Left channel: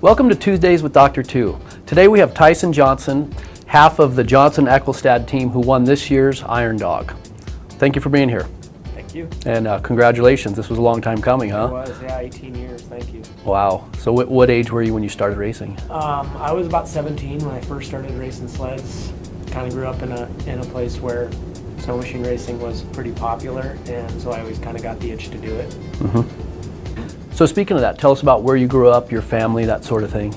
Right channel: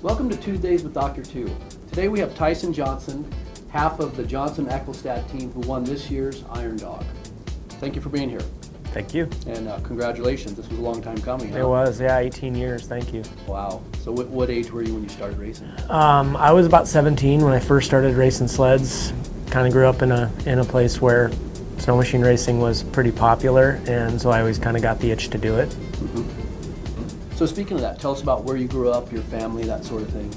Welcome to Tuesdays with Dr. Two. Today we have Tyson Johnson, half of the Johnson-Ecclestad team who won this year's Iron Dog. Thank you for being here. Thank you. And congratulations. This was a long time coming, huh? It was, yeah, 18 years. Thank you. Wow. So what age were you when you started racing? I was about 17 when I first started racing sleds. Kind of grew up in a place where snow machine racing was pretty popular, and so I always kind of got the itch to do it. Mm-hmm. So speaking of that, tell us about where you grew up, your family, that sort of thing.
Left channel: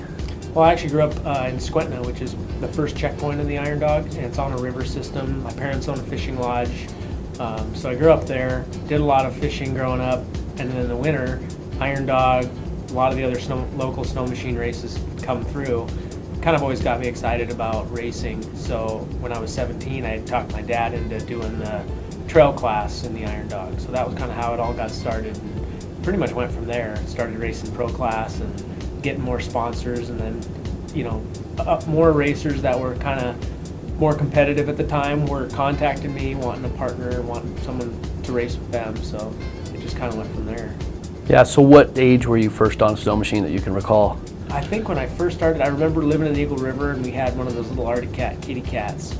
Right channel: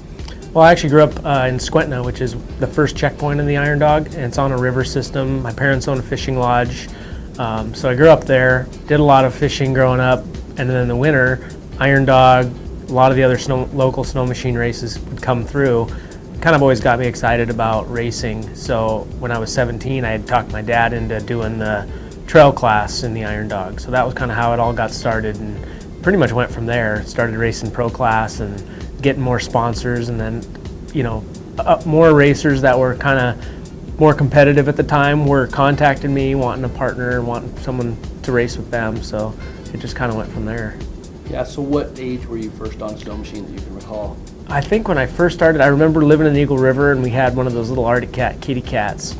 Well, I actually grew up in Squentna, which is the first checkpoint in the Iron Dog, and it's on a river system. My parents own a fishing lodge, so I grew up there, did a lot of fishing growing up, and then in the winter, Iron Dog, a lot of the other local snow machine races would come through. Kind of always got me excited about racing. So when I was 17, I had talked my dad into doing the trail class in the Iron Dog. So that was kind of how it all got started, and pretty much went from there. Started racing pro class and getting more sponsors, and then, you know, more racers that were kind of more competitive at the time were contacting me, wanting a partner, wanting someone to race with them. So it just kind of went from there. Yeah, so what age were you first on a snow machine that you can recall? I think when I first started, I remember living in the Eagle River, and we had one of those little Arctic Cat kitty cats.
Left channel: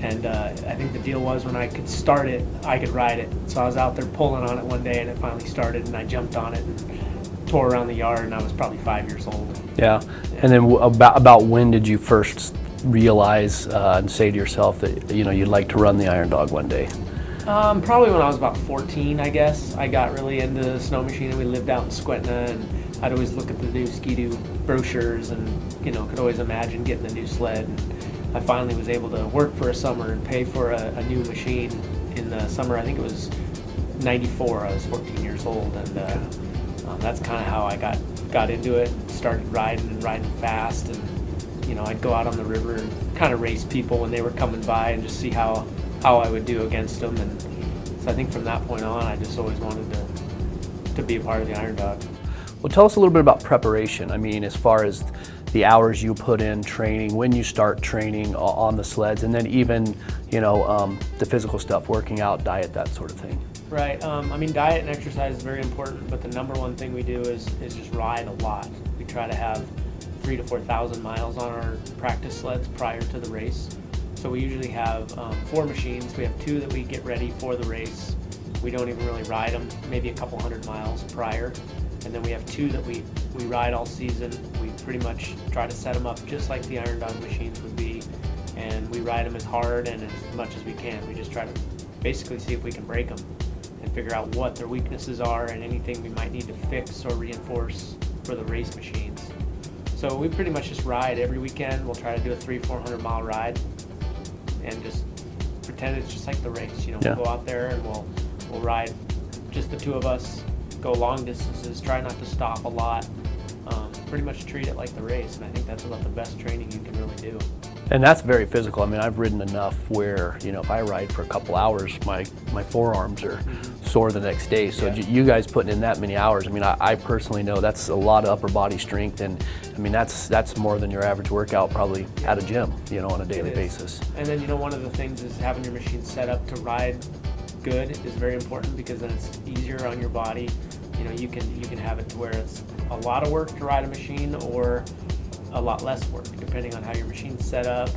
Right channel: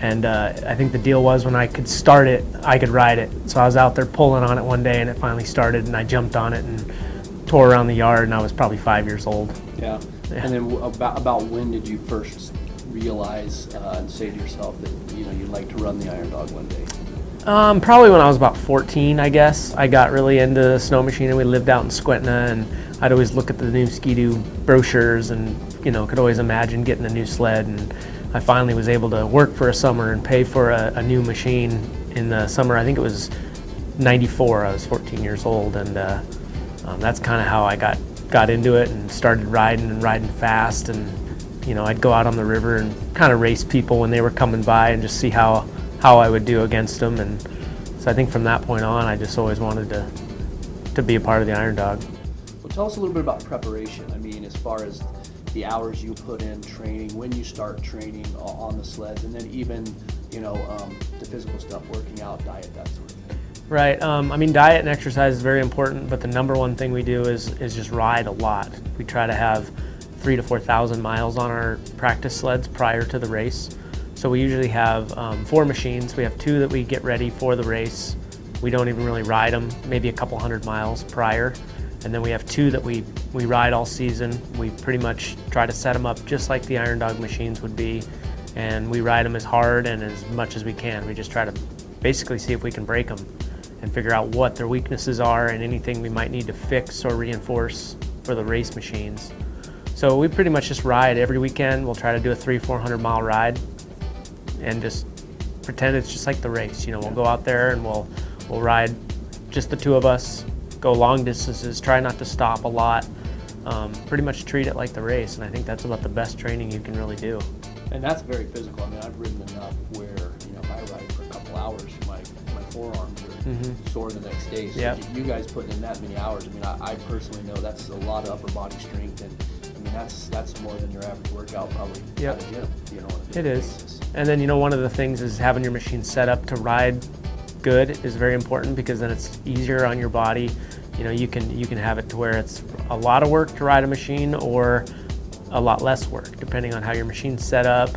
And I think the deal was when I could start it, I could ride it. So I was out there pulling on it one day, and it finally started, and I jumped on it and tore around the yard, and I was probably 5 years old. Yeah. And then about when did you first realize and say to yourself that you'd like to run the Iron Dog one day? Probably when I was about 14, I guess. I got really into the snow machine, and we lived out in Squentna, and I'd always look at the new Ski-Doo brochures and, could always imagine getting a new sled. And I finally was able to work for a summer and pay for a new machine in the summer. I think it was 94. I was 14 years old, and that's kind of how I got into it and started riding fast. And, I'd go out on the river and kind of race people when they were coming by and just see how I would do against them. And so I think from that point on, I just always wanted to be a part of the Iron Dog. Well, tell us a little bit about preparation. I mean, as far as the hours you put in training, when you start training on the sleds, and then even, the physical stuff, working out, diet, that sort of thing. Right. Diet and exercise is very important, but the number one thing we do is just ride a lot. We try to have 3,000 to 4,000 miles on our practice sleds prior to the race. So we usually have 4 machines. We have 2 that we get ready for the race. We don't even really ride them, maybe a couple hundred miles prior. And then we have 2 that we ride all season. We pretty much try to set them up just like the Iron Dog machines would be, and we ride them as hard and as much as we can. We just try to basically see if we can break them and figure out what their weaknesses are and anything we might need to fix or reinforce for the race machines. So we pretty much just ride every weekend. We'll try to do a 300-400 mile ride and just pretend it's just like the race. We'll go out there and we'll ride just the 2 of us, go long distances, try not to stop a lot, pretty much treat it like the race, and I think that's about the best training you can really do. And that's very physical. I mean, I've ridden enough where, if I ride for a couple hours, my forearms are sore the next day. So Yeah. You guys putting in that many hours, I personally know that's a lot of upper body strength, and that's more than your average workout probably at a gym, on a daily basis. And then, one of the things is having your machine set up to ride good is very important, because then it's easier on your body. You can have it to where it's a lot of work to ride a machine or a lot less work, depending on how your machine's set up,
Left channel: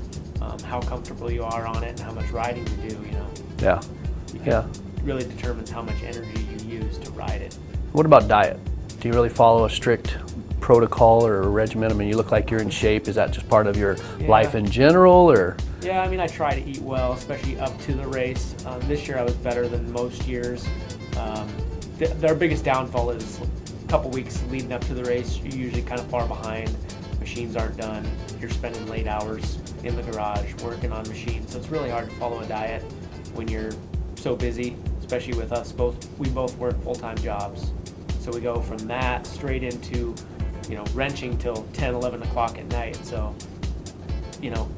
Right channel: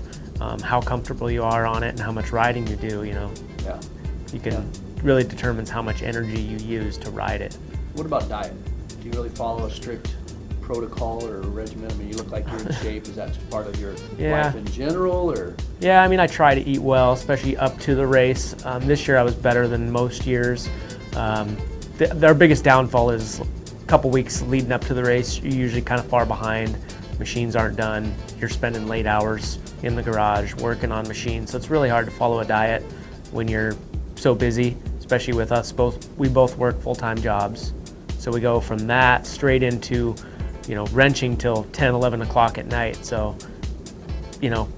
how comfortable you are on it, and how much riding you do. Yeah. Really determines how much energy you use to ride it. What about diet? Do you really follow a strict protocol or a regimen? You look like you're in shape. Is that just part of your life in general, or? Yeah, I try to eat well, especially up to the race. This year I was better than most years. Our biggest downfall is a couple weeks leading up to the race. You're usually kind of far behind. Machines aren't done. You're spending late hours in the garage working on machines. So it's really hard to follow a diet when you're so busy, especially with us both. We both work full-time jobs. So we go from that straight into, wrenching till 10, 11 o'clock at night. So,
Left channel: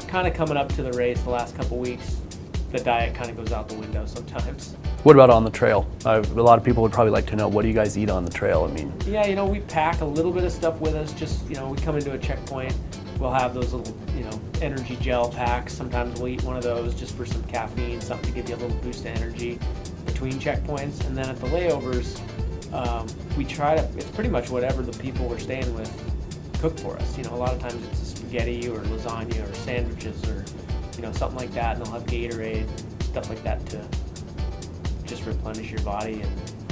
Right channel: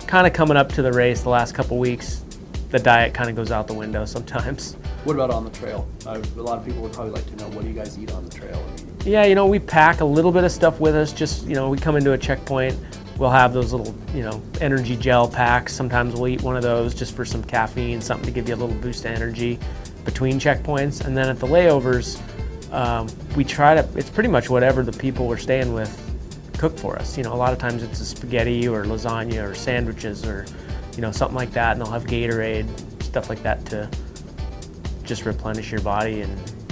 kind of coming up to the race the last couple weeks, the diet kind of goes out the window sometimes. What about on the trail? A lot of people would probably like to know, what do you guys eat on the trail? Yeah, we pack a little bit of stuff with us. Just, we come into a checkpoint, we'll have those little, energy gel packs. Sometimes we'll eat one of those just for some caffeine, something to give you a little boost of energy between checkpoints. And then at the layovers, we try to, it's pretty much whatever the people we're staying with cook for us. A lot of times it's a spaghetti or lasagna or sandwiches or something like that, and they'll have Gatorade, stuff like that to just replenish your body.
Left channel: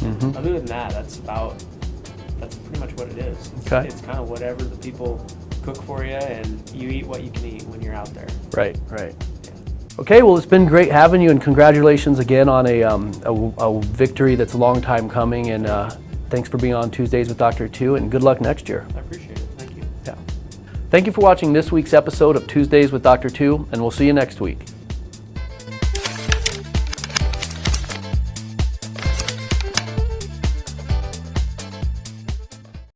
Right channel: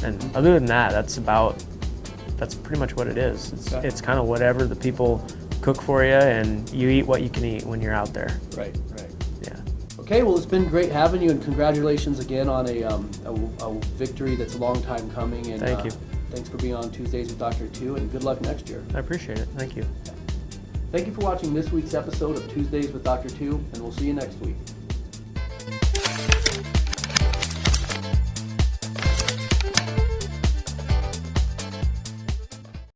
And other than that, that's pretty much what it is. It's kind of whatever the people cook for you, and you eat what you can eat when you're out there. Right. Yeah. Okay, well, it's been great having you, and congratulations again on a victory that's a long time coming. And Thank you. thanks for being on Tuesdays with Dr. Two, and good luck next year. I appreciate it. Thank you. Yeah. Thank you for watching this week's episode of Tuesdays with Dr. Two, and we'll see you next week.